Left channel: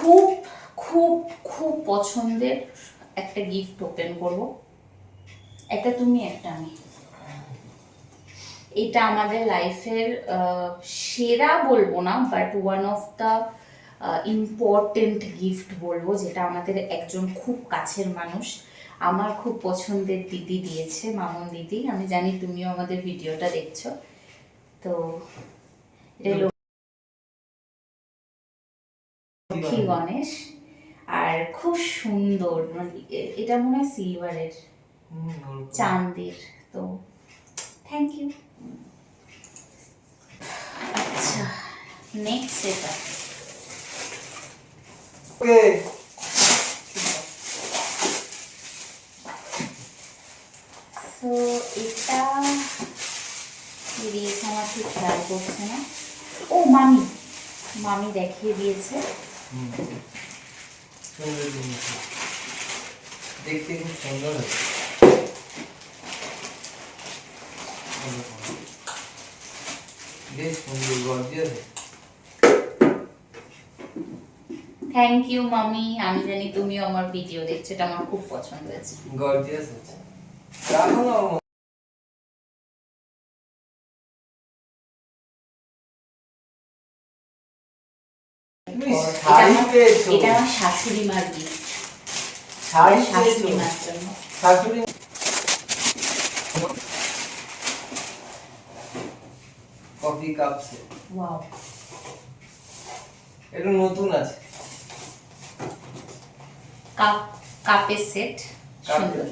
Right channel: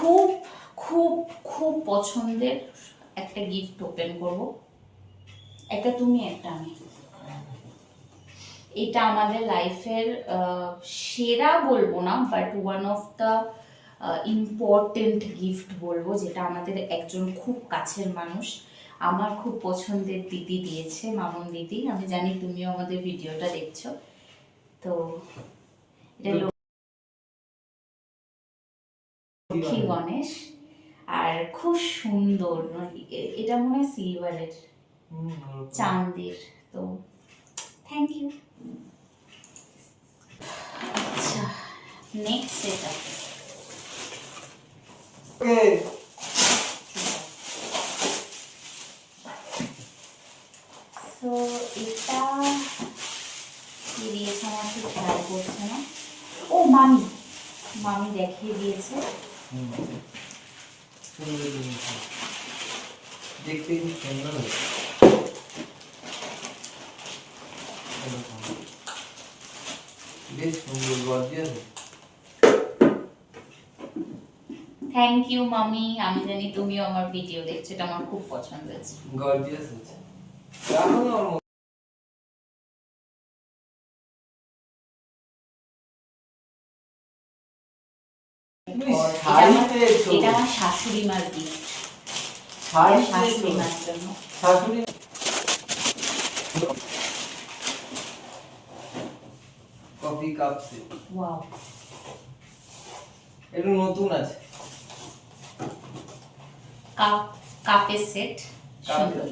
খুব খুব খুব পছন্দের একটা গিফট ওপেন করব, একটা তুমি একটা আমি। এটা আমাদের লাইফের সেরা বলবো না, but one of the important gift বলবো, যেটা আমাদের একজন খুব কাছের মানুষ, আমার খুব পছন্দের দিদি দিয়েছে, মামুন দিদি। আমি জানি তুমিও আমাদের ভিডিওটা দেখছো। তো এটা লক্ষ্মী গণেশ, আর খুব সুন্দর, মানে এটা মনে হয় সিলভারের, চাঁদের। তো থ্যাংক ইউ। আচ্ছা, নেক্সট এটা তো এটা কি দিয়েছে আমার ঠিক খেয়াল করছে না। ও মামি, মামি দেখিয়ে দিয়েছে। দেখতে খুব সুন্দর হয়েছে। বেশ সুন্দর, গর্জিয়াস। থ্যাংক ইউ মামি, আমি জানি তুমিও আমার ভিডিও দেখছো, এটা আমার খুব পছন্দ হয়েছে। গর্জিয়াস হয়েছে। রাখো না ওর এটা আমার শাশুড়ি মার গিফট, শাশুড়ি মার জন্য। শাশুড়ি কফি কাপ সেট। ওয়াও, এটা নতুন আছে। কাপের সেট, সুন্দর।